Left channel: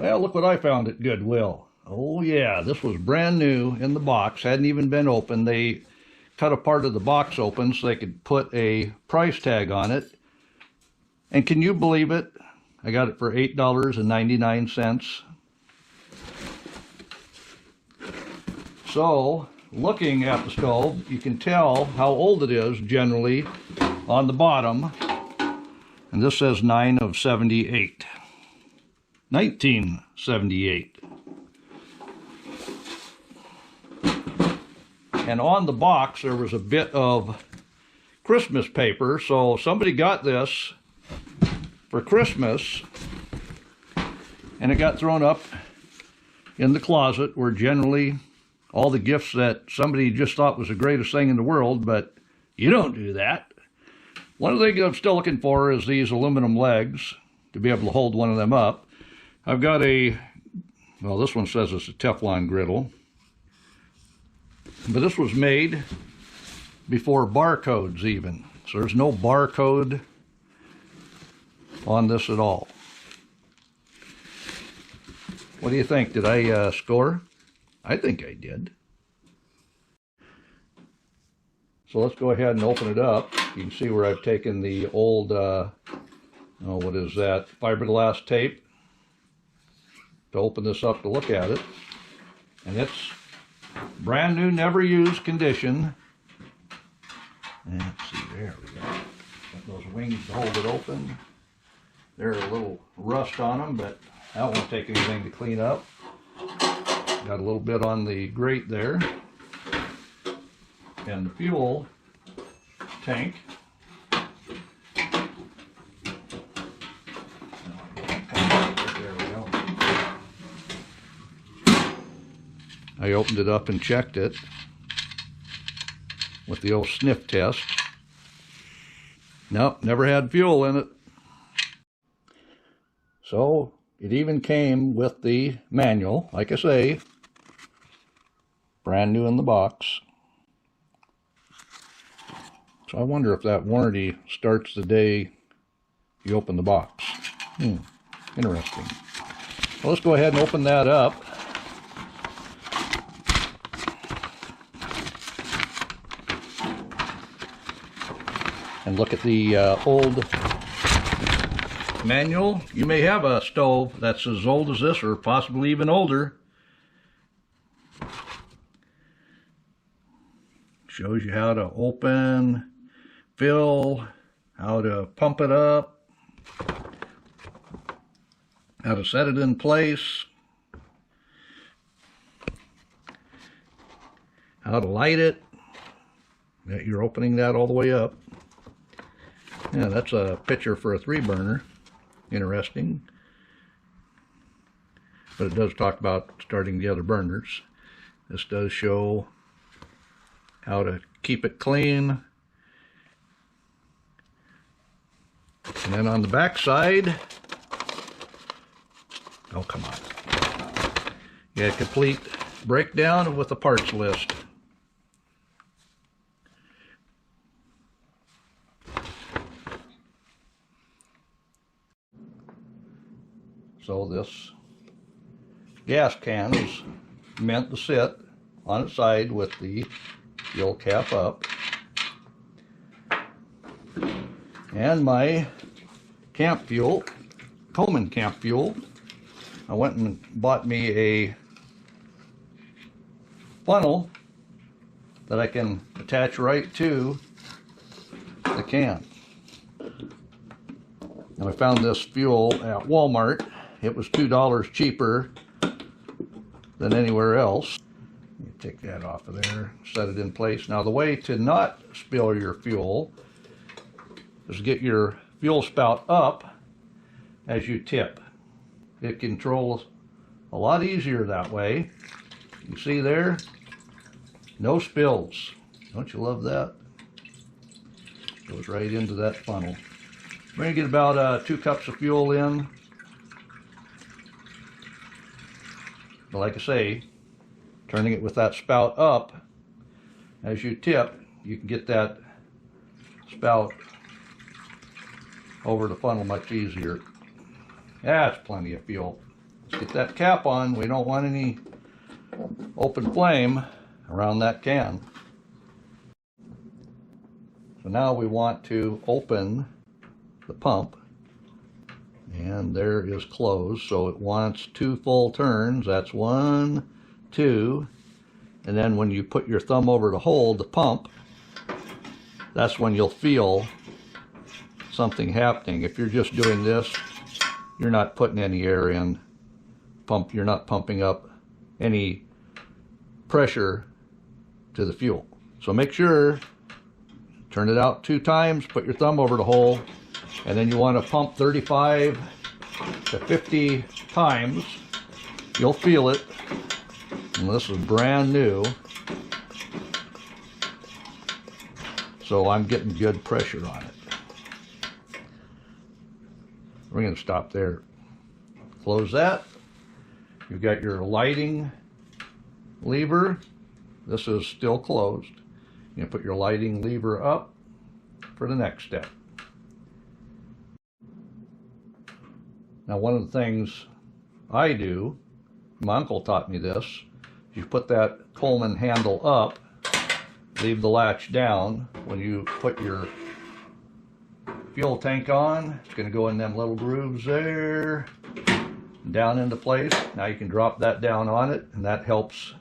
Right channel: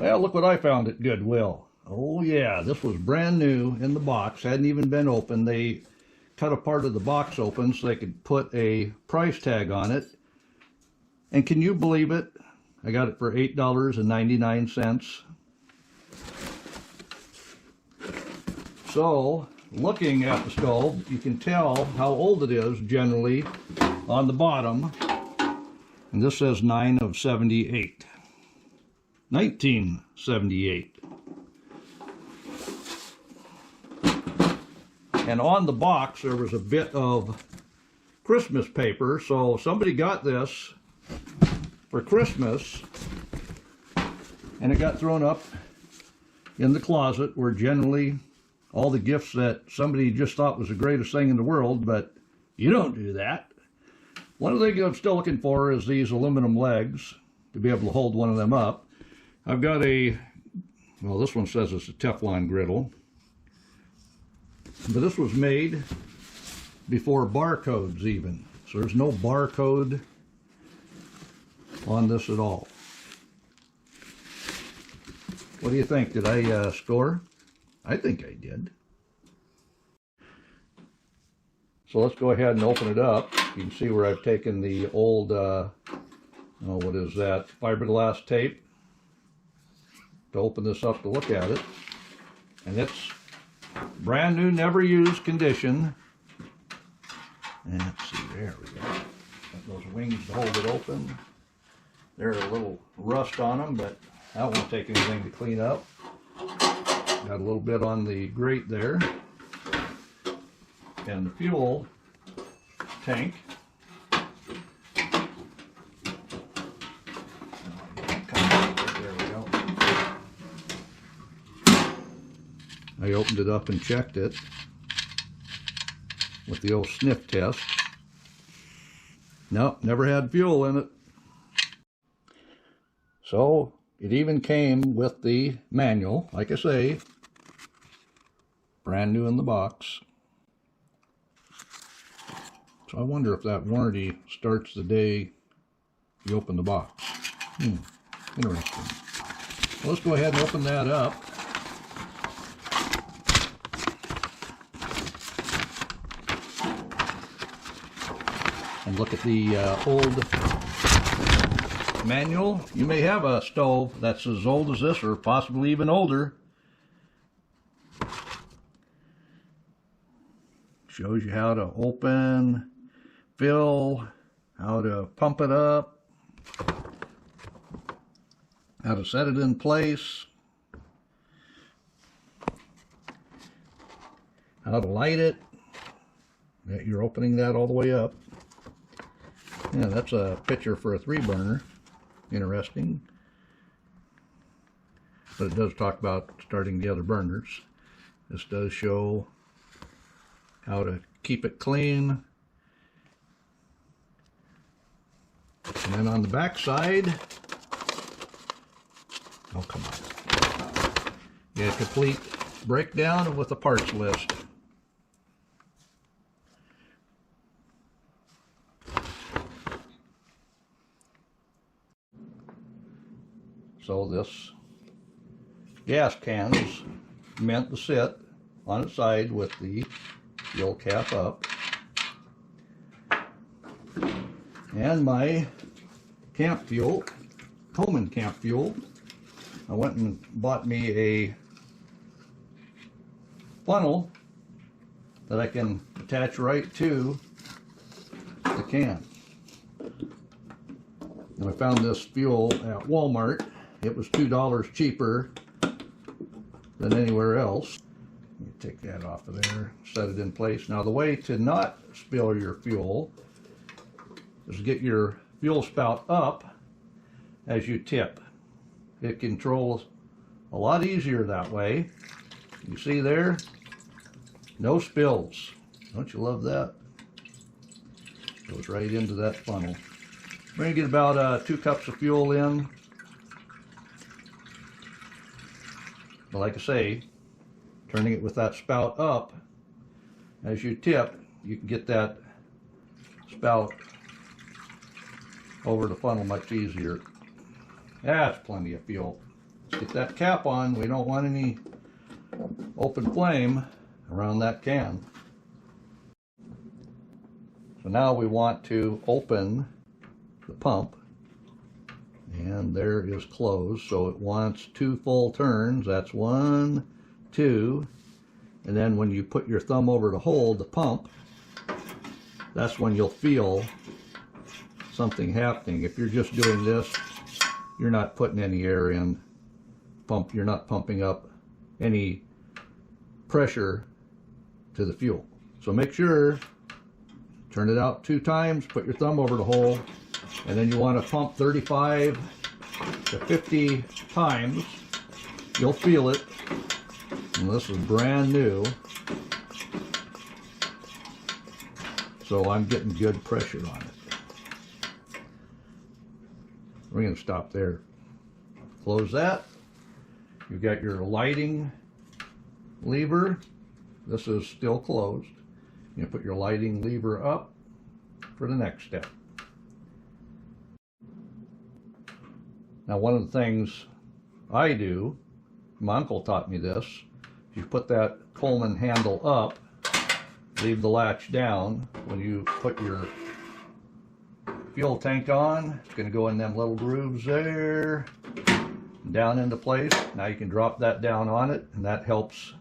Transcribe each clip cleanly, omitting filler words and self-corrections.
Well, look what I found at Goodwill. Oh yeah, this was brand new in the box, hadn't even been opened. They cut a part of the box open so they could put a price tag on it. And can you believe it? I got it for $8.99. So, looking at the stove, you can tell how old it is generally on the bottom. And this says 9 of 78. 1978. And on the box there was a bit of Christmas paper, so somebody got this for Christmas and it got thrown up in the closet where generally all the gifts that somebody just thought was the greatest thing in the world, but you don't do that. One of the things I'm still looking for is these aluminum legs to be able to hold one of them up. I've got well, this one says it's a Teflon griddle, but this was made before barcodes even. So there's no barcode on this at all. What do you think? Did I score? I think I did. So let's go ahead and open it up. You can see where I've taken the old, what is that, fiberglass tape to open this up to look at it. And it's brand new, never used condition. And let's see, there we go. Got those wings to hold it open. There's a little rust on them, but that won't take anything to clean up. Got a little bit on the grate there. And the fuel tank. There we go. I opened it up and checked it with the old sniff test. Nope, never had fuel in it. So it even came with the manual, like I say, brand new in the box. So I wonder if that warranty starts the day you open the box. Interesting. Well, let's go ahead and open that up. And look at the old manual. You may have a stove that's as old as this or possibly even older. Shows you how to open, fill, how to pump it up, how to set it in place, how to light it. You're opening that all the way up. Yeah, that's a picture for a 3-burner. Interesting. But it does talk about starting the other burners. This does show how to keep it clean. And then on the back side, oh come on, you get a complete breakdown with the parts list. So this gas can is meant to sit on its side with the fuel cap up. And my camp fuel, Colman camp fuel, I went and bought me a funnel that I can attach right to the can. And I found this fuel at Walmart. It was $2 cheaper than anywhere else. Let me take that off of there, set it in place. Now the way to not spill your fuel is get your fuel spout up as you tip. It controls a lot easier that way. You see there? No spills. Don't you love that? Goes right into that funnel. We're going to get about 2 cups of fuel in. And like I say, turning it with that spout up, as you tip, you can get that spout over the funnel much easier. That's plenty of fuel. Get that cap on. We don't want any open flame around that can. So now we want to open the pump, and there is closed. So it wants 2 full turns. That's 1, 2, and then when you put your thumb over to hold the pump, that's when you'll feel something happening. If you're just doing this, you're not putting any air in. You're not pumping up any pressure to the fuel. So make sure, turn it out 2 times, put your thumb over the hole, and then you want to pump 35 to 50 times. You'll feel it. And this is brand new, so I'm getting good pressure on it. We're going to stop there. Close that. You've got your lighting lever. This is still closed. You put your lighting lever up for the next step. Now, one of the things I do, my uncle taught me this, you put that Colman handle up, leave the latch down. When you put your fuel tank on, it's going to go in them little grooves there, down into place. Now you can drop that down on it, and that helps.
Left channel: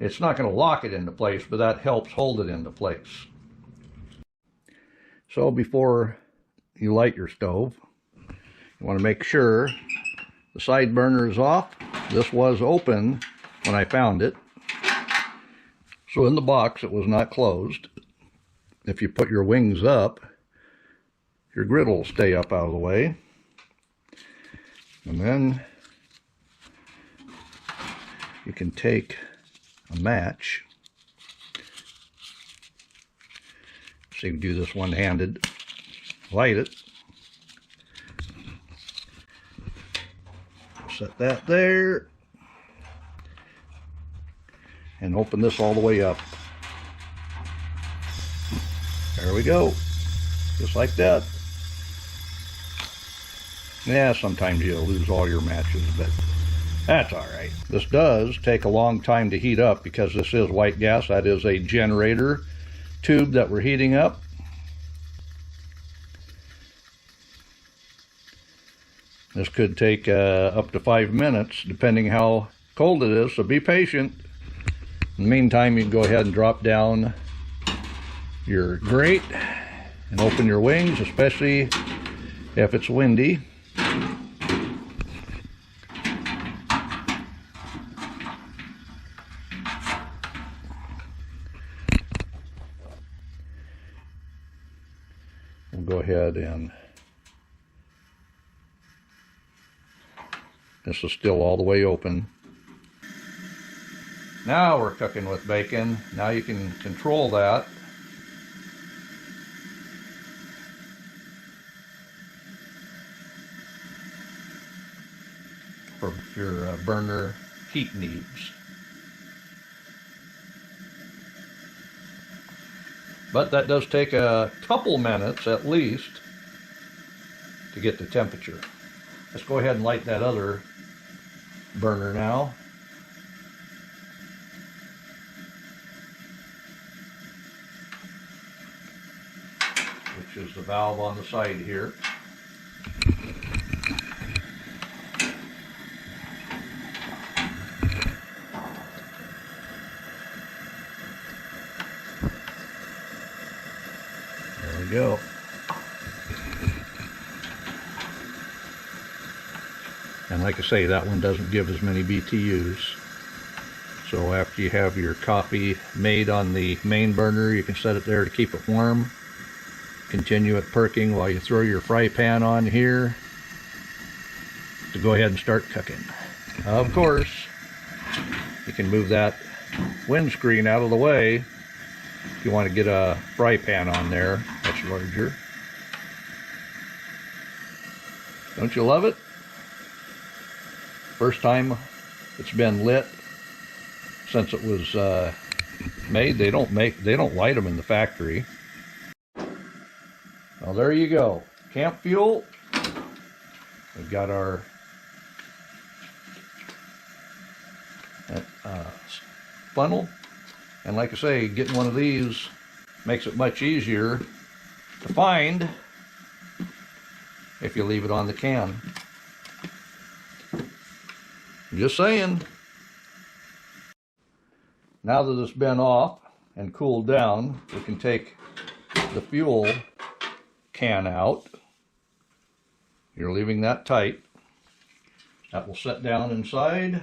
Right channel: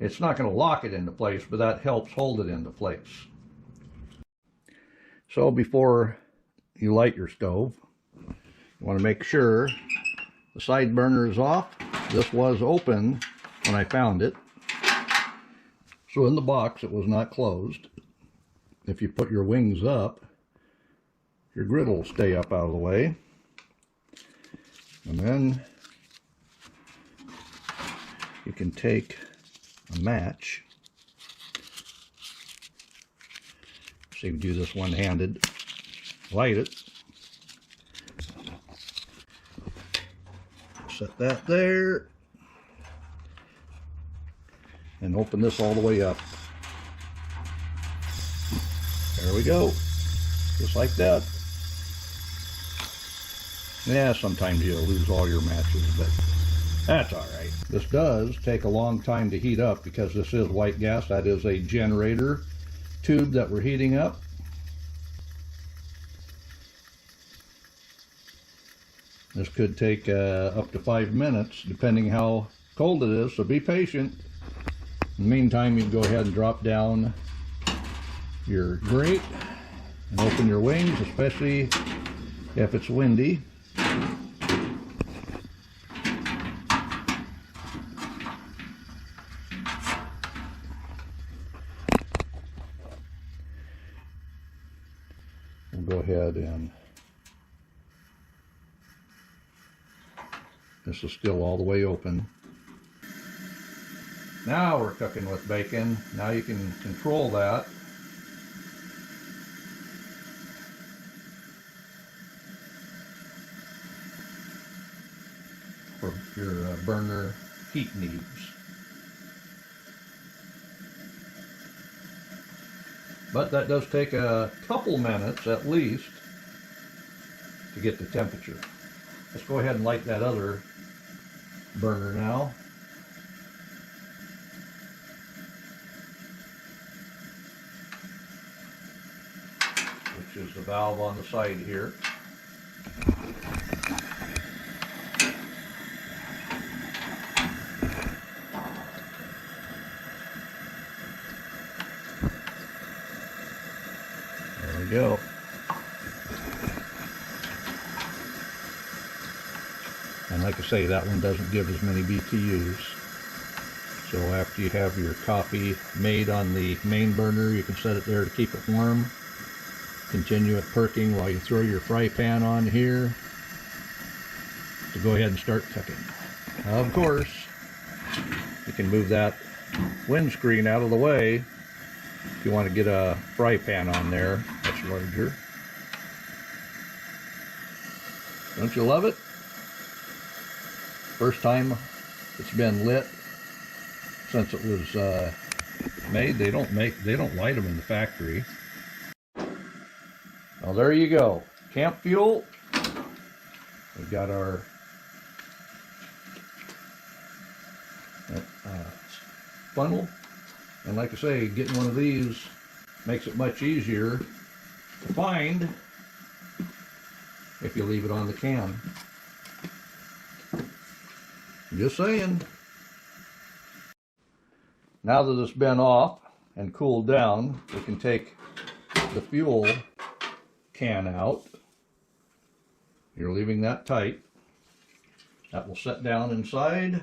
It's not going to lock it into place, but that helps hold it into place. So before you light your stove, you want to make sure the side burner is off. This was open when I found it, so in the box it was not closed. If you put your wings up, your griddle will stay up out of the way. And then you can take a match. So you can do this one-handed. Light it. Set that there. And open this all the way up. There we go. Just like that. Yeah, sometimes you'll lose all your matches, but that's all right. This does take a long time to heat up because this is white gas. That is a generator tube that we're heating up. This could take up to 5 minutes, depending how cold it is, so be patient. In the meantime, you can go ahead and drop down your grate and open your wings, especially if it's windy. We'll go ahead and this is still all the way open. Now we're cooking with bacon. Now you can control that. For your burner heat needs. But that does take a couple minutes at least to get the temperature. Let's go ahead and light that other burner now. Which is the valve on the side here. There we go. And like I say, that one doesn't give as many BTUs. So after you have your coffee made on the main burner, you can set it there to keep it warm. Continue it perking while you throw your fry pan on here to go ahead and start cooking. Of course, you can move that windscreen out of the way if you want to get a fry pan on there much larger. Don't you love it? First time it's been lit since it was made. They don't light them in the factory. Well, there you go. Camp fuel. We've got our funnel. And like I say, getting one of these makes it much easier to find if you leave it on the can. Just saying. Now that it's been off and cooled down, we can take the fuel can out. You're leaving that tight. That will set down inside.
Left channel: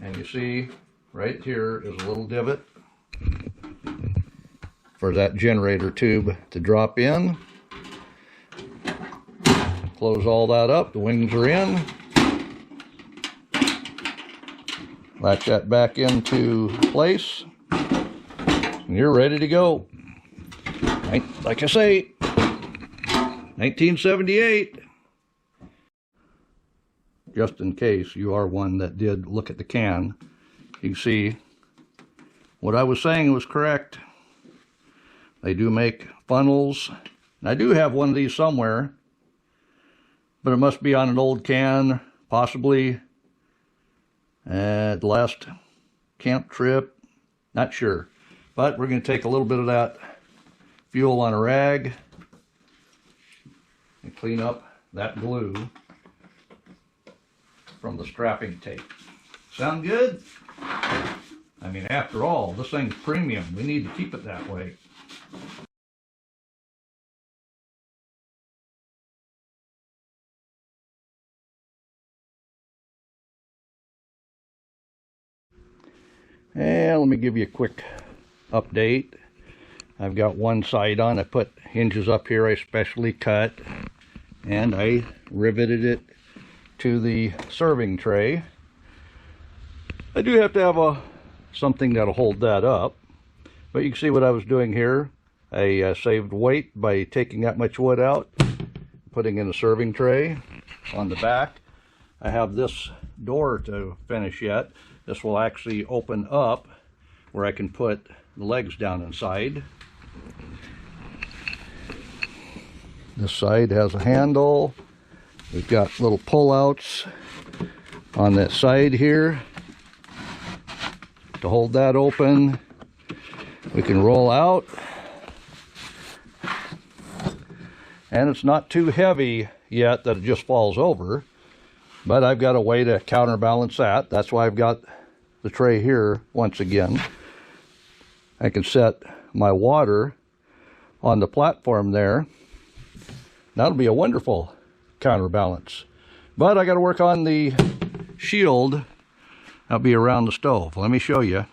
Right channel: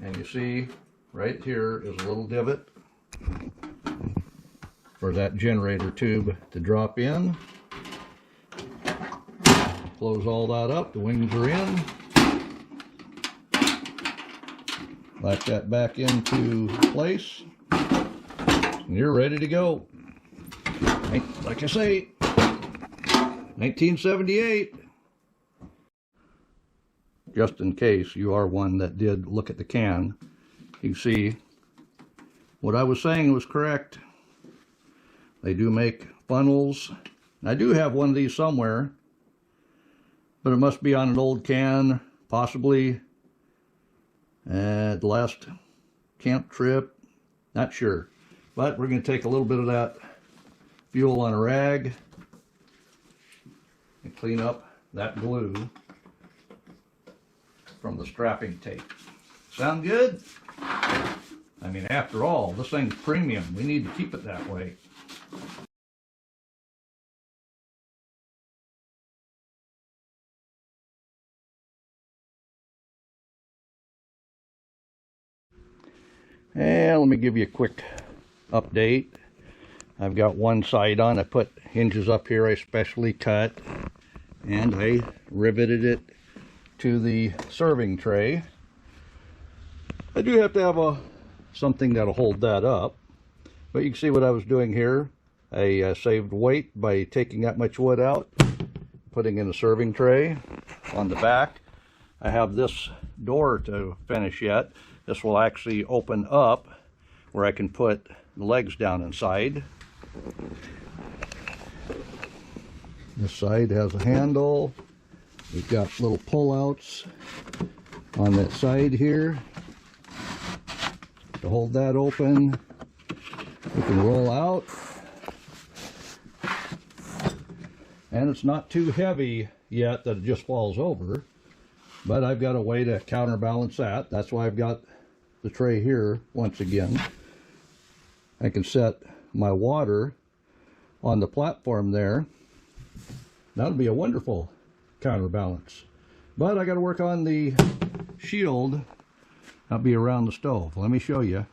And you see right here is a little divot for that generator tube to drop in. Close all that up, the wings are in. Latch that back into place, and you're ready to go. Like I say, 1978. Just in case you are one that did look at the can, you see what I was saying was correct. They do make funnels. I do have one of these somewhere, but it must be on an old can, possibly at the last camp trip, not sure. But we're going to take a little bit of that fuel on a rag and clean up that glue from the strapping tape. Sound good? I mean, after all, this thing's premium. We need to keep it that way. And let me give you a quick update. I've got one side on. I put hinges up here I specially cut, and I riveted it to the serving tray. I do have to have something that'll hold that up, but you can see what I was doing here. I saved weight by taking that much wood out, putting in a serving tray. On the back, I have this door to finish yet. This will actually open up where I can put the legs down inside. This side has a handle. We've got little pull-outs on that side here to hold that open. We can roll out. And it's not too heavy yet that it just falls over. But I've got a way to counterbalance that. That's why I've got the tray here once again. I can set my water on the platform there. That'll be a wonderful counterbalance. But I got to work on the shield. That'll be around the stove. Let me show you.